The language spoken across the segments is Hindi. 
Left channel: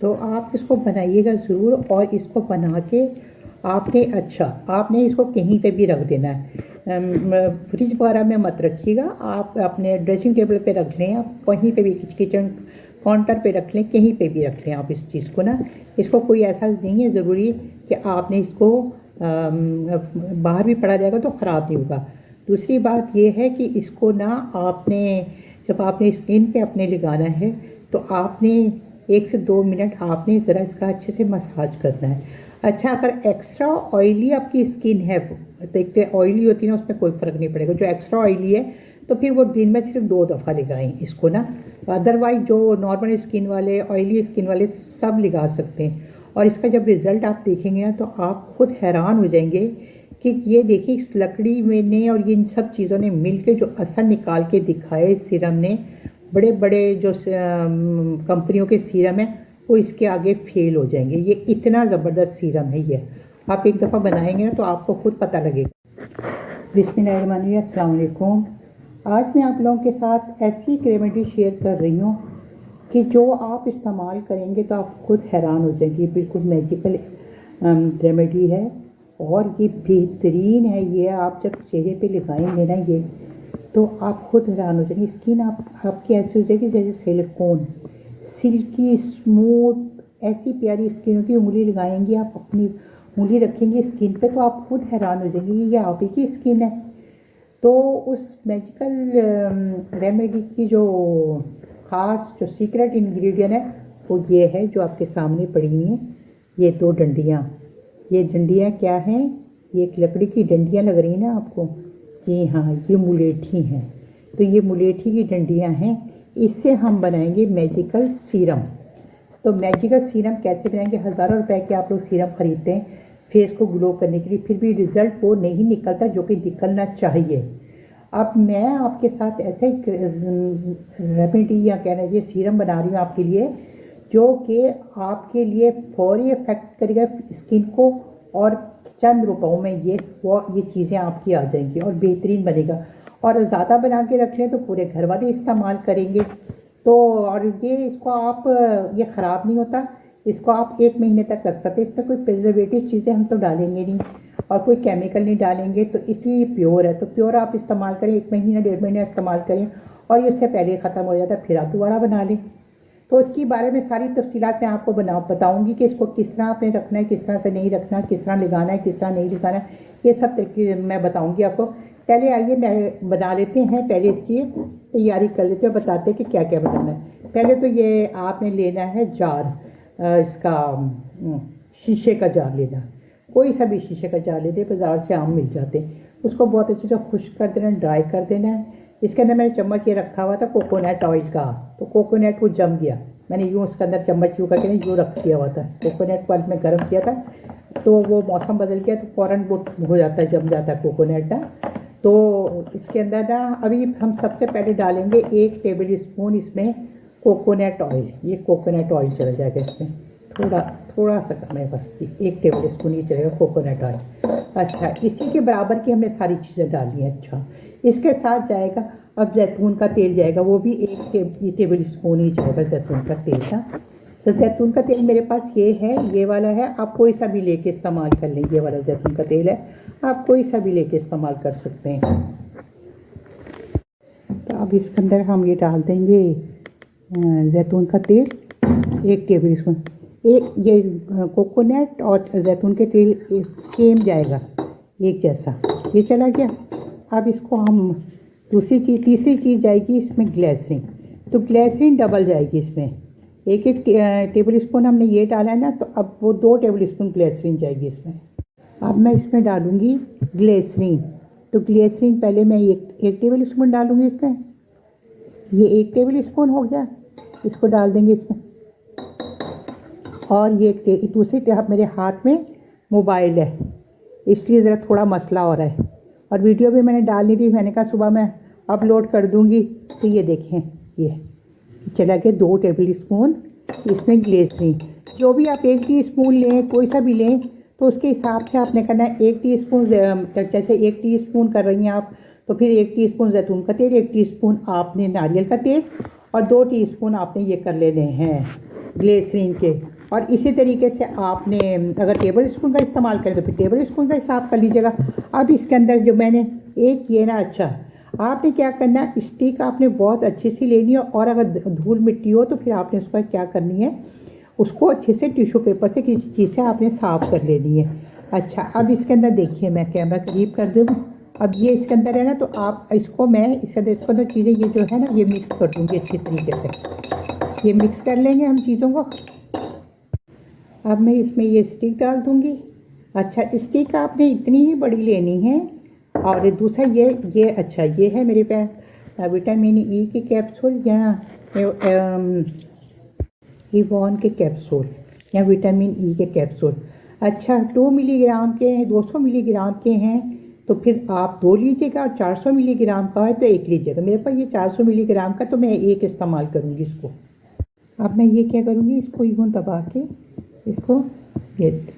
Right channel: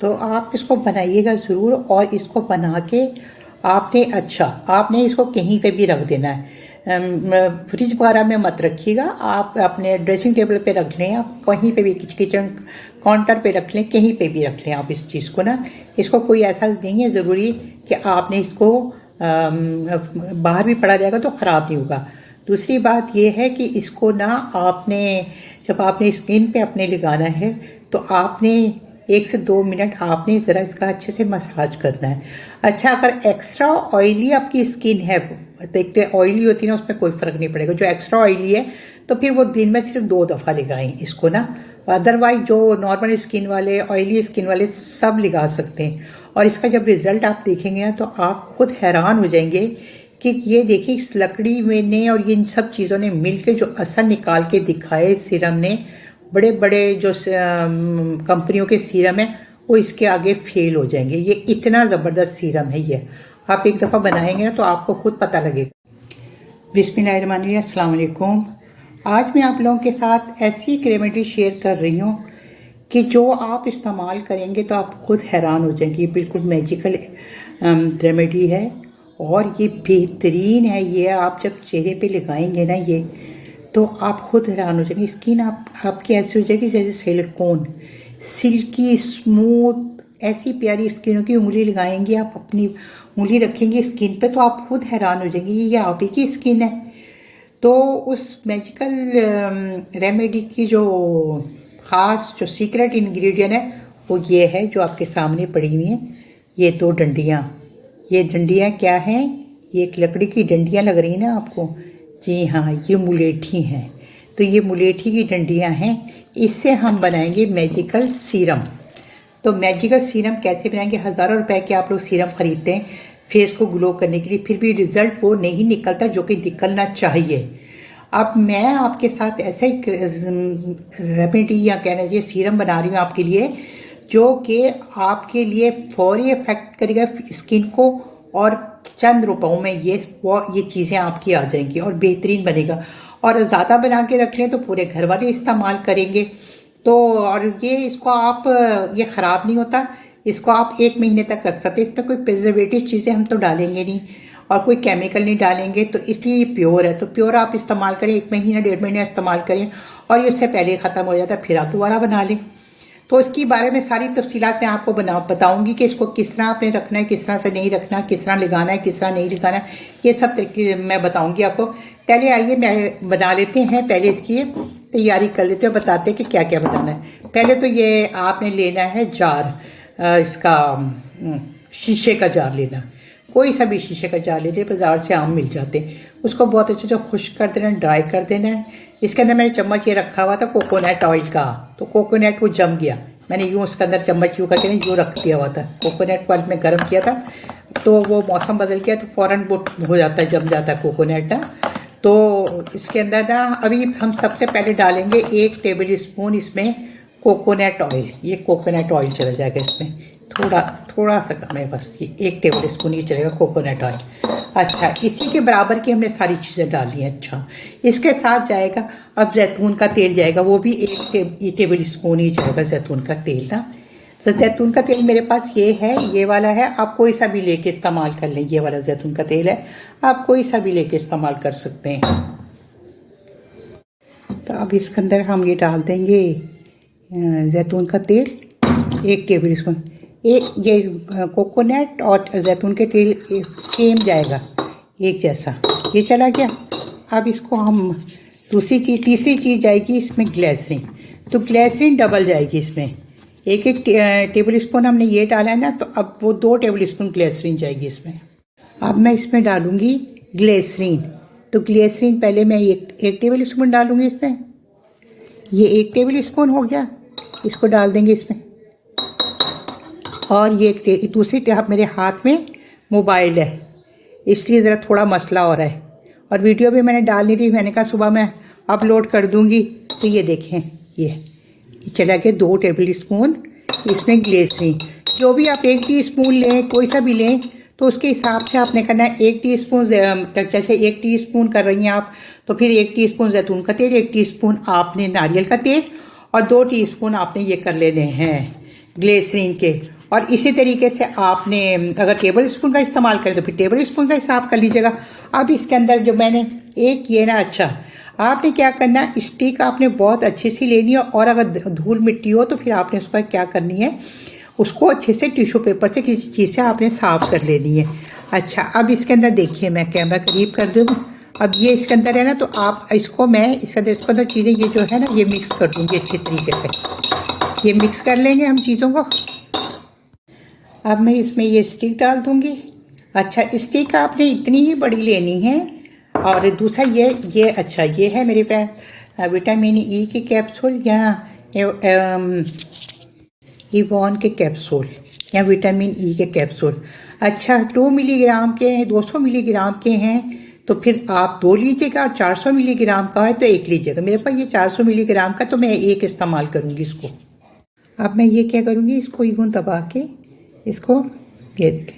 तो आप इसको बनाइएगा ज़रूर। और इसको बना के आपने इसको कहीं पे भी रख देना है, फ्रिज वगैरह में मत रखिएगा, आप अपने ड्रेसिंग टेबल पे रख लें, आप कहीं पे भी किचन काउंटर पे रख लें, कहीं पे भी रख लें आप इस चीज़ को ना। इसको कोई ऐसा नहीं है ज़रूरी कि आपने इसको बाहर भी पड़ा जाएगा तो ख़राब नहीं होगा। दूसरी बात ये है कि इसको ना जब आपने स्किन पे अपने लगाना है तो आपने 1 से 2 मिनट आपने ज़रा इसका अच्छे से मसाज करना है। अच्छा, अगर एक्स्ट्रा ऑयली आपकी स्किन है, देखते ऑयली होती है ना, उसमें कोई फ़र्क नहीं पड़ेगा। जो एक्स्ट्रा ऑयली है तो फिर वो दिन में सिर्फ 2 दफ़ा लगाएं इसको ना। अदरवाइज जो नॉर्मल स्किन वाले, ऑयली स्किन वाले सब लगा सकते हैं। और इसका जब रिज़ल्ट आप देखेंगे ना तो आप खुद हैरान हो जाएंगे कि ये देखिए इस लकड़ी में ने और इन सब चीज़ों ने मिल के जो असर निकाल के दिखाए सीरम ने, बड़े बड़े जो कंपनियों के सीरम है वो इसके आगे फेल हो जाएंगे। ये इतना ज़बरदस्त सीरम है ये, आप एक दफ़ा बनाएंगे ना तो आपको खुद पता लगेगा। बिस्मिल्लाहिर्रहमानिर्रहीम, अस्सलाम वालेकुम। आज मैं आप लोगों के साथ ऐसी एक रेमेडी शेयर कर रही हूँ कि जो आप इस्तेमाल करेंगे तो आप खुद हैरान हो जाएंगे। बिल्कुल मैजिकल रेमेडी है और ये बेहतरीन है। ये आप जब चेहरे पे लगाएंगे ना ये, तो आप खुद हैरान हो जाएंगे। स्किन आपकी ऐसी हो जाएगी जैसे सिलिकॉन, सिल्की स्मूथ, ऐसी प्यारी स्किन होगी। उंगली लगाएंगे आप, अपनी उंगली रखेंगे स्किन पे तो आप खुद हैरान हो जाएंगे ये आप ही की स्किन है। तो उस मैजिकल रेमेडी की जो ख़ास जो सीक्रेट इंग्रेडिएंट है वो ये है जो आपके सामने पड़ी हुई हैं, ये 2 डंडियाँ। ये डंडियाँ क्या हैं? ये एक लकड़ी की डंडियाँ लग रही हैं ना आपको? जी हाँ, ये मुलेठी हैं। तो ये मुलेठी की डंडियाँ हैं, इससे हम बनाएंगे मैजिकल सीरम। तो मैजिकल सीरम कैसे बनाएंगे? हज़ारों रुपए के आप लोग सीरम ख़रीदते हैं फेस को ग्लो करने के लिए, फिर भी रिज़ल्ट वो नहीं निकलता जो कि निकलना चाहिए। अब मैं आपके साथ ऐसे ही रेमेडी या कहना चाहिए सीरम बना रही हूँ आपके लिए, जो कि आपके लिए फौरी इफेक्ट करेगा स्किन को, और चंद रुपयों में ये चीज़ें आपकी आ जाएंगी और बेहतरीन बनेगा। और ज़्यादा बना के रख लें तो पूरे घर वाले इस्तेमाल करेंगे। तो और ये ख़राब नहीं होता, इसको आप 1 महीने तक रख सकते हैं। इसमें कोई प्रिजर्वेटिव चीज़ें हम तो डालेंगे नहीं और कोई केमिकल नहीं डालेंगे, तो इसलिए ये प्योर है। तो प्योर आप इस्तेमाल करें, 1 महीना 1.5 महीना इस्तेमाल करें और ये उससे पहले ख़त्म हो जाता है, फिर आप दोबारा बना लें। तो इसके बारे में सारी तफसीलात मैं आपको बताऊंगी कि इसको किस तरह आपने रखना है, किस तरह से नहीं रखना, किस तरह लगाना है, किस तरह नहीं लगाना है, ये सब तरीके मैं बताऊंगी आपको। पहले आइए मैं बना लेते हैं, पहले इसकी तैयारी कर लेते हैं, बताते हैं कि क्या क्या बनाना है। पहले तो ये आपने लेना है जार, इसका शीशे का जार लेना, कोई सा भी शीशे का जार लेते, बाज़ार से आम मिल जाते हैं। उसको बहुत अच्छे से खुश्क कर देना, ड्राई कर देना है। इसके अंदर मैंने चम्मच ये रखा हुआ था कोकोनट ऑयल का, तो कोकोनट वो जम गया, मैंने यूँ उसके अंदर चम्मच यूँ करके यूँ रख दिया हुआ था। कोकोनट ऑयल में गर्म किया था तो वो मौसम बदल गया तो फ़ौरन वो हो जाता है, जम जाता है कोकोनट ना। तो इसके अंदर ना अभी हम सबसे पहले डालेंगे 1 टेबल स्पून इसमें कोकोनट ऑयल। ये कोकोनट ऑयल चला जाएगा इसमें, थोड़ा सा कम है बस, ये 1 टेबल स्पून ही चलेगा कोकोनट ऑयल। अच्छा, इसी के बराबर की हमने सारी चीज़ें डाली हैं। अच्छा, इसके साथ जाएगा अब जैतून का तेल जाएगा, वो भी 1 टेबल स्पून ही जाएगा जैतून का तेल ना। तो जैतून का तेल मेरे पास ये है, ये वाला है, आप कोई सा भी लेके इस्तेमाल कर लें। ये वाला जैतून का तेल है, आप कोई सा भी लेके इस्तेमाल कर सकते हैं। तो अब इसके अंदर हम ये डाल देंगे जैतून का तेल 1 टेबल स्पून। ये कोकोनट और जैतून के तेल सेम जाएगा, एक जैसा, ये चला गया। अब इसको हम तीसरी चीज़ जाएगी इसमें ग्लिसरीन। तो ग्लिसरीन डबल जाएगी इसमें, 1 टेबल स्पून हमने ये डाला है ना, तो अब वो 2 टेबल स्पून ग्लिसरीन जाएगी इसमें। अब मैं इसमें डालूँगी ग्लिसरीन। तो ग्लिसरीन पहले मैं 1 टेबल स्पून डालूँगी इसमें, ये 1 टेबल स्पून हो गया, इसको डाल देंगे इसमें। और ये दूसरी टेप, मेरे हाथ में मोबाइल है इसलिए ज़रा थोड़ा मसला हो रहा है, और वीडियो भी मैंने डालनी थी, मैंने कहा सुबह मैं अपलोड कर दूँगी। तो ये देखें, ये चला गया 2 टेबल स्पून इसमें ग्लिसरीन। जो भी आप 1 टीस्पून लें, कोई सा भी लें, तो उसके हिसाब से आपने करना है। 1 टीस्पून, जैसे 1 टीस्पून कर रही हैं आप, तो फिर 1 टीस्पून जैतून का तेल, 1 टीस्पून आपने नारियल का तेल, और 2 टीस्पून आपने ये कर लेने हैं ग्लिसरीन के। और इसी तरीके से आपने अगर टेबल स्पून का इस्तेमाल करें तो फिर टेबल स्पून का हिसाब कर लीजिएगा। अब इसके अंदर जो मैंने एक किए ना, अच्छा आपने क्या करना है, स्टिक आपने बहुत अच्छी सी लेनी है, और अगर धूल मिट्टी हो तो फिर आपने उस पर क्या करनी है, उसको अच्छे से टिश्यू पेपर से किसी चीज़ से आपने साफ़ कर लेनी है। अच्छा अब इसके अंदर देखिए, मैं कैमरा करीब कर दूँ। अब ये इसके अंदर है ना, तो आप इसको मैं इसके अंदर चीज़ें ये जो है ना ये मिक्स कर दूँगी अच्छी तरीके से। ये मिक्स कर लेंगे हम चीज़ों को। अब मैं इसमें ये स्टिक डाल दूँगी। अच्छा स्टिक आपने इतनी ही बड़ी लेनी है। और दूसरा ये अच्छा ये है मेरे पास विटामिन ई के कैप्सूल या इवॉन के कैप्सूल या विटामिन ई के कैप्सूल। अच्छा 2 मिलीग्राम के हैं, 200 मिलीग्राम के हैं तो फिर आप 2 लीजिएगा, और 400 मिलीग्राम का है तो 1 लीजिएगा। मेरे पास ये 400 मिलीग्राम का तो मैं 1 इस्तेमाल करूँगी इसको। अब मैं ये क्या करूँगी, इसको यूँ दबा के इसको ये देखें,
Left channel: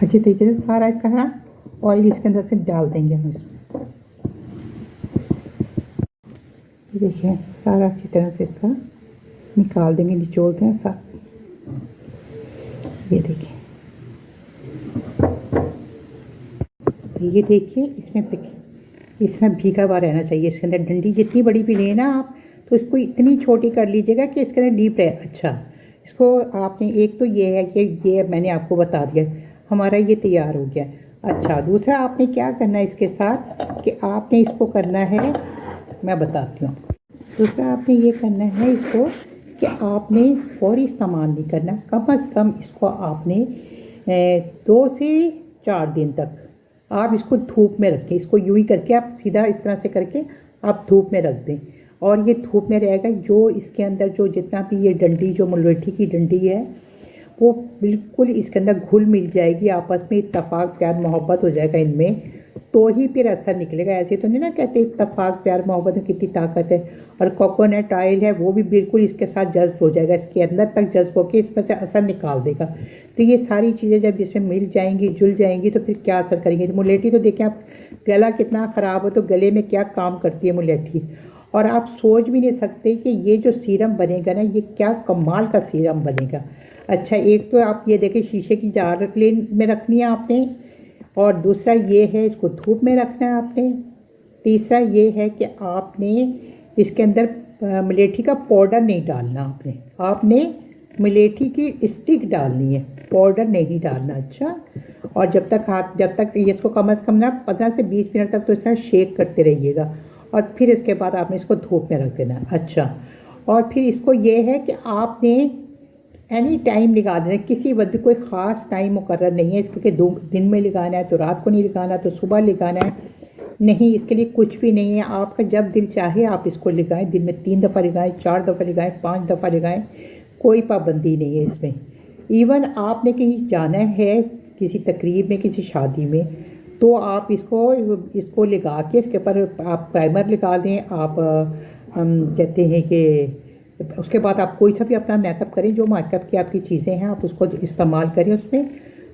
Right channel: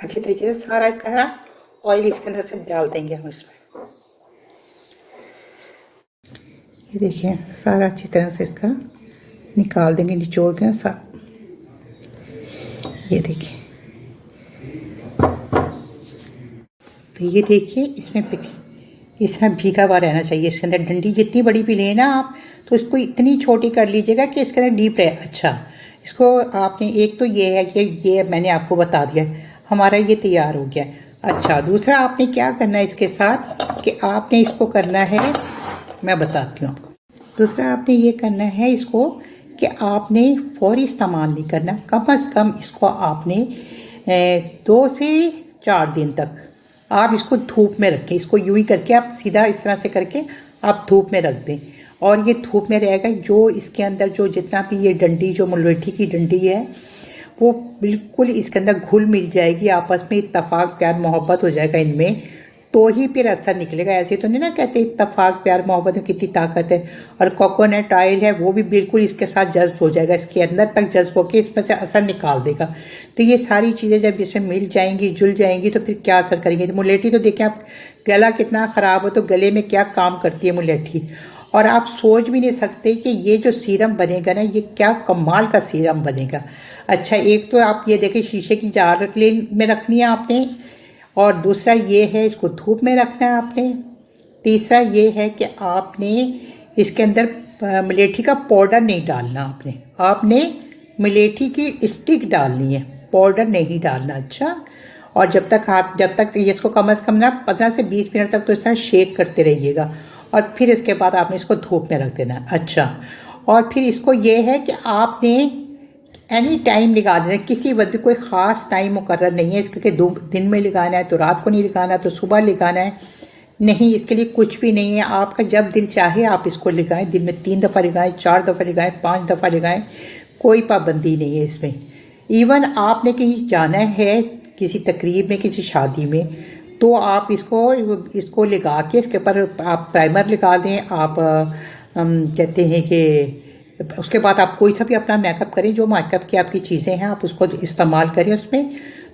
अच्छी तरीके से सारा इसका ऑयल इसके अंदर से डाल देंगे हम इसमें। ये देखिए सारा अच्छी तरह से इसका निकाल देंगे, निचोड़ के साथ। ये देखिए, तो ये देखिए इसमें इसमें भीगा हुआ रहना चाहिए। इसके अंदर डंडी जितनी बड़ी भी लेना आप, तो इसको इतनी छोटी कर लीजिएगा कि इसके अंदर डीप रहे। अच्छा इसको आपने एक तो ये है कि ये मैंने आपको बता दिया, हमारा ये तैयार हो गया। अच्छा दूसरा आपने क्या करना है इसके साथ कि आपने इसको करना है, मैं बताती हूँ आपको। दूसरा आपने ये करना है इसको कि आपने फौरी इस्तेमाल नहीं करना, कम से कम इसको आपने 2 से 4 दिन तक आप इसको धूप में रखें। इसको यूँ ही करके आप सीधा इस तरह से करके आप धूप में रख दें, और ये धूप में रहेगा। जो इसके अंदर जो जितना भी ये डंडी, जो मुलैठी की डंडी है, वो बिल्कुल इसके अंदर घुल मिल जाएगी, आपस में इत्तफाक प्यार मोहब्बत हो जाएगा इनमें, तो ही फिर असर निकलेगा। ऐसे तो नहीं ना कहते इत्तफाक प्यार मोहब्बत में कितनी ताकत है। और कोकोनट ऑयल है वो भी बिल्कुल इसके साथ जज्ब हो जाएगा, इसके अंदर तक जज्ब होकर इसमें से असर निकाल देगा। तो ये सारी चीज़ें जब इसमें मिल जाएंगी, जुल जाएंगी, तो फिर क्या असर करेंगी। तो मुलैठी तो देखें आप, गला कितना ख़राब हो तो गले में क्या काम करती है मुलैठी, और आप सोच भी नहीं सकते कि ये जो सीरम बनेगा ना, ये क्या कमाल का सीरम बनेगा। अच्छा एक तो आप ये देखें, शीशे की जार में रखनी है आपने, और दूसरा ये है इसको धूप में रखना है आपने। तीसरा ये है कि आपने इसके अंदर मुलैठी का पाउडर नहीं डालना, आपने मुलैठी की स्टिक डालनी है, पाउडर नहीं डालना। अच्छा और जब तक इसको कम से कम ना 15 से 20 मिनट तक तो इसका शेक करते रहिएगा, और फिर इसके बाद आपने इसको धूप में रख देना। अच्छा और फिर इसको ये है कि आपने एनी टाइम लगाना है, किसी वक्त भी कोई ख़ास टाइम मुकर्रर नहीं है इसके, दिन में लगाना है तो रात को नहीं लगाना, तो सुबह लगाना है नहीं, इसके लिए कुछ भी नहीं है। आपका जब दिल चाहे आप इसको लगाएं, दिन में 3 दफ़ा लगाएं, 4 दफ़ा लगाएं, 5 दफ़ा लगाएं, कोई पाबंदी नहीं है इसमें। इवन आपने कहीं जाना है किसी तकरीब में, किसी शादी में, तो आप इसको लगा के इसके ऊपर आप प्राइमर लगा दें। आप कहते हैं कि उसके बाद आप कोई सा भी अपना मेकअप करें, जो मेकअप की आपकी चीज़ें हैं आप उसको इस्तेमाल करें उसमें,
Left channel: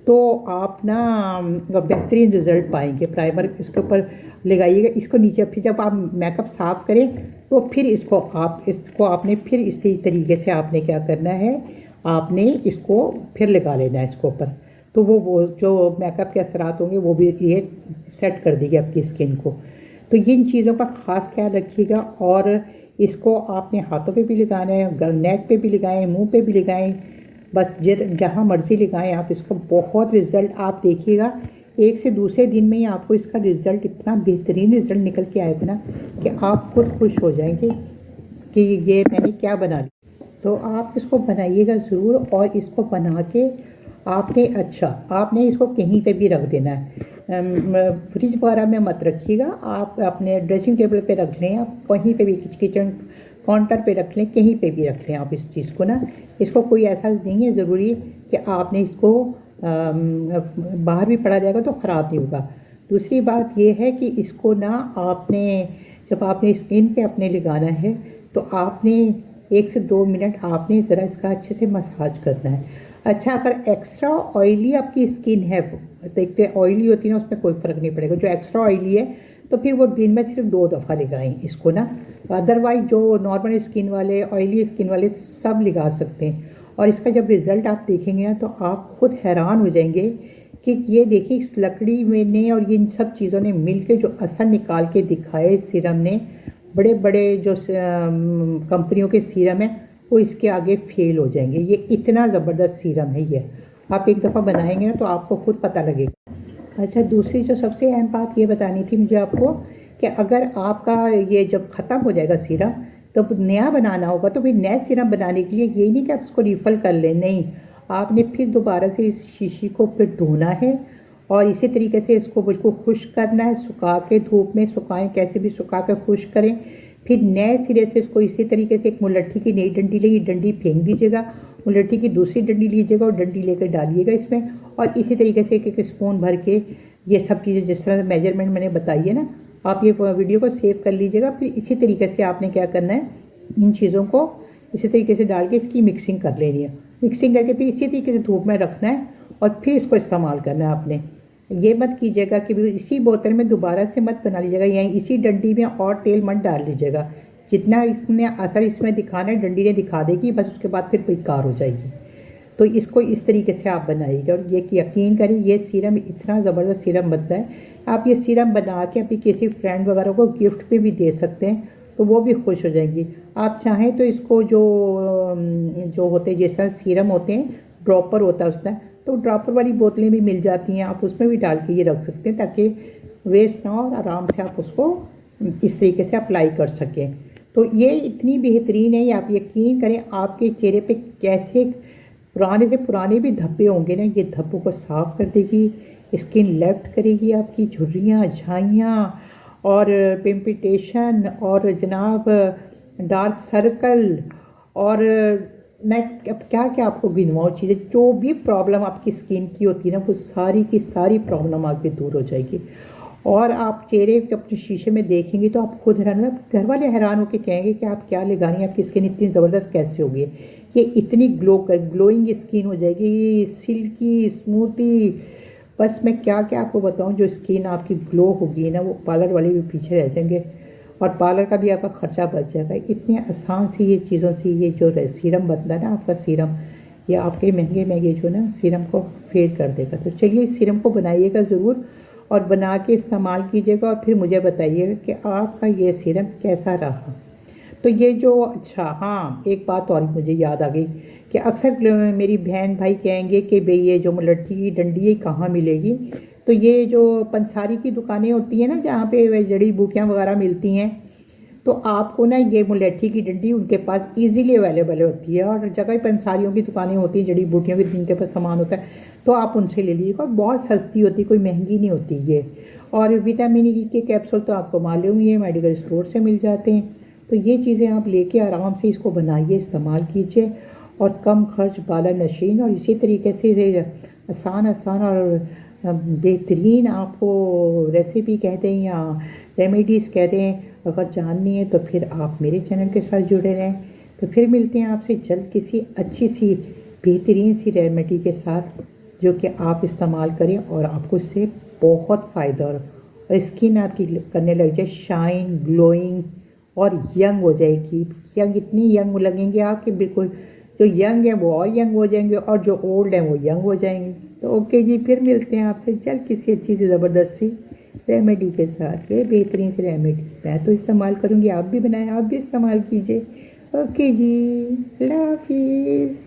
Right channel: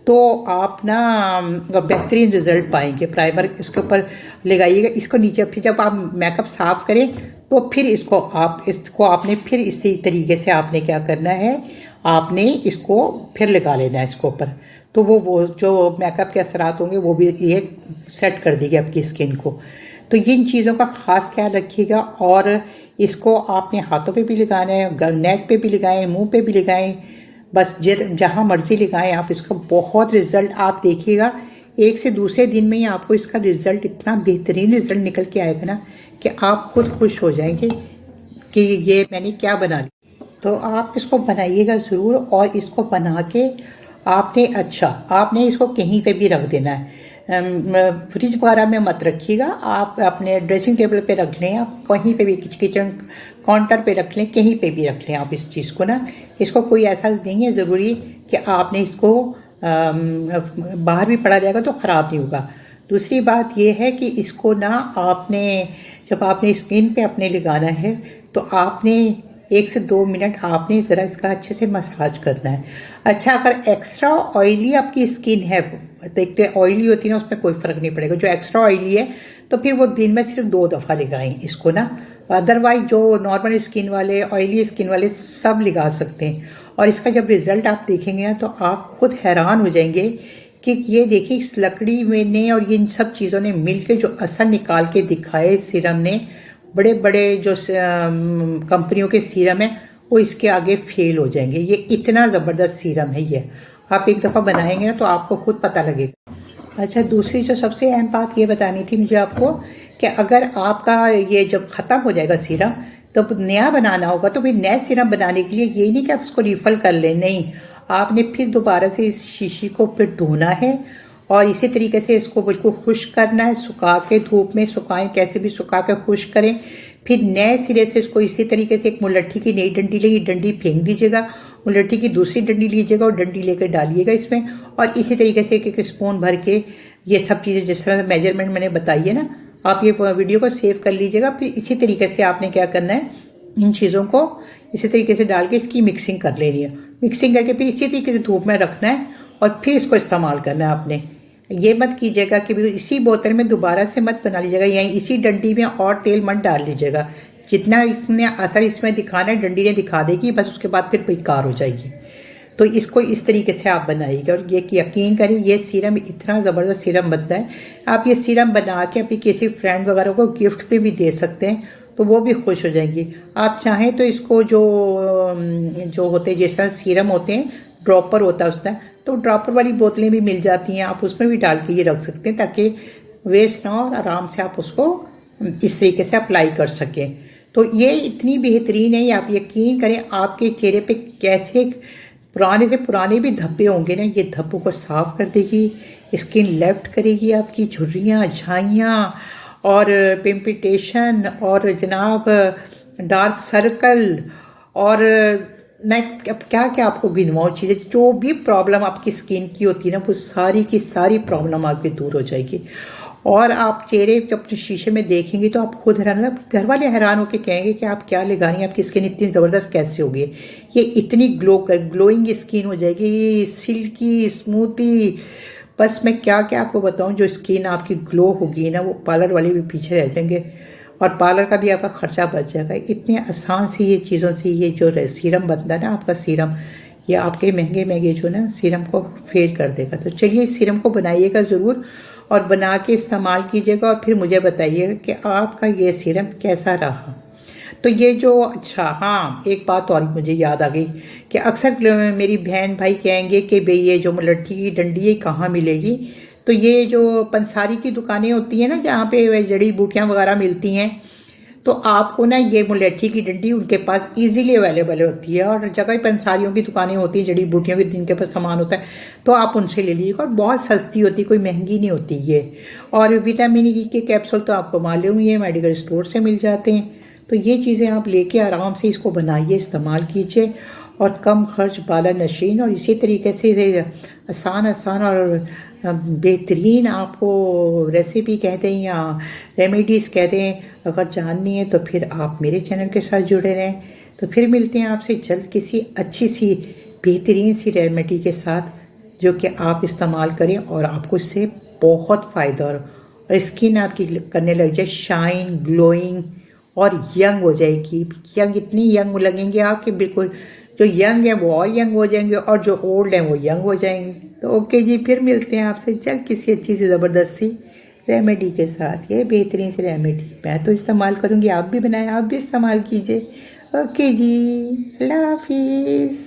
तो आप ना बेहतरीन रिज़ल्ट पाएंगे। प्राइमर इसके ऊपर लगाइएगा, इसको नीचे, फिर जब आप मेकअप साफ़ करें तो फिर इसको आपने फिर इसी तरीके से आपने क्या करना है, आपने इसको फिर लगा लेना है इसके ऊपर, तो वो जो मेकअप के असरात होंगे वो भी ये सेट कर देगी आपकी स्किन को। तो इन चीज़ों का ख़ास ख्याल रखिएगा, और इसको आपने हाथों पे भी लगाना है, नेक पे भी लगाएं, मुंह पे भी लगाएं, बस जहाँ मर्जी लगाएं आप इसका बहुत रिज़ल्ट आप देखिएगा। एक से दूसरे दिन में ही आपको इसका रिज़ल्ट, इतना बेहतरीन रिज़ल्ट निकल के आएगा ना कि आप खुद खुश हो जाएंगे कि ये मैंने क्या बना लिया। तो आप इसको बनाइएगा ज़रूर, और इसको बना के आपने इसको कहीं पे भी रख देना है, फ्रिज वगैरह में मत रखिएगा, आप अपने ड्रेसिंग टेबल पे रख लें, आप कहीं पे भी किचन काउंटर पे रख लें, कहीं पे भी रख लें आप इस चीज़ को ना। इसको कोई ऐसा नहीं है ज़रूरी कि आपने इसको बाहर भी पड़ा जाएगा तो ख़राब नहीं होगा। दूसरी बात यह है कि इसको ना जब आपने स्किन पे अपने लगाना है तो आपने 1 से 2 मिनट आपने ज़रा इसका अच्छे से मसाज करना है। अच्छा अगर एक्स्ट्रा ऑयली आपकी स्किन है, देखते ऑयली होती है ना, उसमें कोई फ़र्क नहीं पड़ेगा। जो एक्स्ट्रा ऑयली है तो फिर वो दिन में सिर्फ 2 दफ़ा लगाएं इसको ना। अदरवाइज जो नॉर्मल स्किन वाले, ऑयली स्किन वाले सब लगा सकते हैं। और इसका जब रिज़ल्ट आप देखेंगे ना तो आप खुद हैरान हो जाएंगे कि ये देखिए इस लकड़ी में ने और इन सब चीज़ों ने मिल के जो असर निकाल के दिखाए सीरम ने, बड़े बड़े जो कंपनियों के सीरम हैं वो इसके आगे फेल हो जाएंगे। ये इतना ज़बरदस्त सीरम है ये, आप एक दफ़ा बनाएंगे ना तो आपको खुद पता लगेगा। अच्छा, दूसरी जो सबसे अहम बात ये बतानी थी मुझे आपको कि अगर आपका ये जब ख़त्म हो जाएगा सीरम तो नया बनाना होगा, तो फिर नया सीरम बनाने के लिए ये नहीं कि आप इसको रिफ़ल कर लें, नहीं, आपने फिर दोबारा से इस शीशी को फिर धोना है और इसी तरीके से इसको बिल्कुल खुश्क करना है, सुखा के धूप में सुखाएं, कैसे भी सुखा के खुश्क करें। फिर नए सिरे से इसको इसी तरीके से एक मुलट्ठी की नई डंडी लेगी, डंडी फेंक दीजिएगा, मुलट्ठी की दूसरी डंडी लीजिएगा और डंडी लेकर डालिएगा इसमें, और इसी तरीके से एक एक स्पून भर के ये सब चीज़ें जिस तरह मेजरमेंट मैंने बताई है ना, आप ये वीडियो को सेव कर लीजिएगा। फिर इसी तरीके से आपने क्या करना है, इन चीज़ों को इसी तरीके से डाल के इसकी मिक्सिंग कर लेनी है। मिक्सिंग करके फिर इसी तरीके से धूप में रखना है और फिर इसको इस्तेमाल करना है आपने। ये मत कीजिएगा कि इसी बोतल में दोबारा से मत बना लीजिएगा, यहीं इसी डंडी में और तेल मत डाल लीजिएगा। जितना इसने असर इसमें दिखाना है डंडी ने दिखा देगी, बस उसके बाद फिर बेकार हो जाएगी। तो इसको इस तरीके से आप बनाइएगा और ये यकीन करें ये सीरम इतना ज़बरदस्त सीरम बनता है। आप ये सीरम बना के अपनी किसी फ्रेंड वगैरह को गिफ्ट पे भी दे सकते हैं, तो वो भी खुश हो जाएंगी। आप चाहें तो इसको जो होते हैं जिस तरह सीरम होते हैं, ड्रॉपर होता है उसका, तो ड्रॉपर वाली बोतलें भी मिल जाती हैं, आप उसमें भी डाल के ये रख सकते हैं ताकि वेस्ट ना हो और आराम से आप उसको इस तरीके से अप्लाई कर सकें। तो ये इतनी बेहतरीन है, आप यकीन करें आपके चेहरे पे कैसे पुराने से पुराने भी धब्बे होंगे ना, ये धब्बों को साफ़ कर देगी, स्किन लेफ्ट करेगी, आपकी झुर्रियाँ, झाइयाँ और पिम्पटेशन और जनाब डार्क सर्कल और मैं अब क्या क्या आपको गिनवाऊँ चीज़ें, जो भी प्रॉब्लम आपकी स्किन की होती है ना वो सारी की सारी प्रॉब्लम आपकी दूर हो जाएगी। और आप चेहरे जब अपने शीशे में देखेंगे तो आप खुद हैरान, घर वाले हैरान होकर कहेंगे कि आप क्या लगा रही हैं, आपकी स्किन इतनी ज़बरदस्त कैसे होगी, ये इतनी ग्लोइंग स्किन हो जाएगी, सिल्की स्मूथी। बस मैं क्या क्या आपको बताऊं, जो स्किन आपकी ग्लो होगी ना वो पार्लर वाले भी पीछे रह जाएंगे और पार्लर का भी आपका खर्चा बच जाएगा। इतने आसान सी ये चीज़ों से ये जो सीरम बनता है ना आपका सीरम, ये आपके महंगे महंगे जो ना सीरम को फेल कर देगा। तो चलिए इस सीरम को बनाइएगा ज़रूर और बना के इस्तेमाल कीजिएगा और फिर मुझे बताइएगा कि आपका ये सीरम कैसा रहा। तो ये जो अच्छा हाँ, एक बात और मुझे याद आ गई कि अक्सर मेरी बहन भाई कहेंगे कि भाई ये जो मुलट्ठी की डंडी है कहाँ मिलेगी। तो ये जो पंसारी की दुकानें होती हैं ना जहाँ पे जड़ी बूटियाँ वगैरह मिलती हैं, तो आपको ना ये मुलट्ठी की डंडी उनके पास इजीली अवेलेबल होती है। और जगह पंसारियों की दुकानें होती हैं जड़ी बूटियों की जिनके पास सामान होता है, तो आप उनसे ले लीजिएगा और बहुत सस्ती होती है, कोई महंगी नहीं होती ये। और विटामिन ई के कैप्सूल तो आपको मालूम ही है मेडिकल स्टोर से मिल जाते हैं। तो ये चीज़ें आप लेके आराम से इसको बनाइए, इस्तेमाल कीजिए और कम खर्च बाला नशीन और इसी तरीके से आसान और बेहतरीन आपको रेसिपी कहते हैं या रेमेडीज़ कहते हैं, अगर जाननी है तो फिर आप मेरे चैनल के साथ जुड़े रहें। तो फिर मिलते हैं आपसे जल्द किसी अच्छी सी बेहतरीन सी रेमेडी के साथ जो कि आप इस्तेमाल करें और आपको इससे बहुत फ़ायदा और स्किन आपकी करने लग जाए शाइन, ग्लोइंग और यंग हो जाएगी। यंग इतनी यंग लगेंगे आपके, बिल्कुल जो यंग है वो और यंग हो जाएंगे और जो ओल्ड हैं वो यंग हो जाएंगे। तो ओके जी, फिर मिलते हैं आपसे जल्द किसी अच्छी सी ज़बरदस्त सी रेमेडी के साथ। ये बेहतरीन सी रेमेडी मैं तो इस्तेमाल करूँगी, आप भी बनाएं, आप भी इस्तेमाल कीजिए। ओके जी, अल्लाह हाफिज़।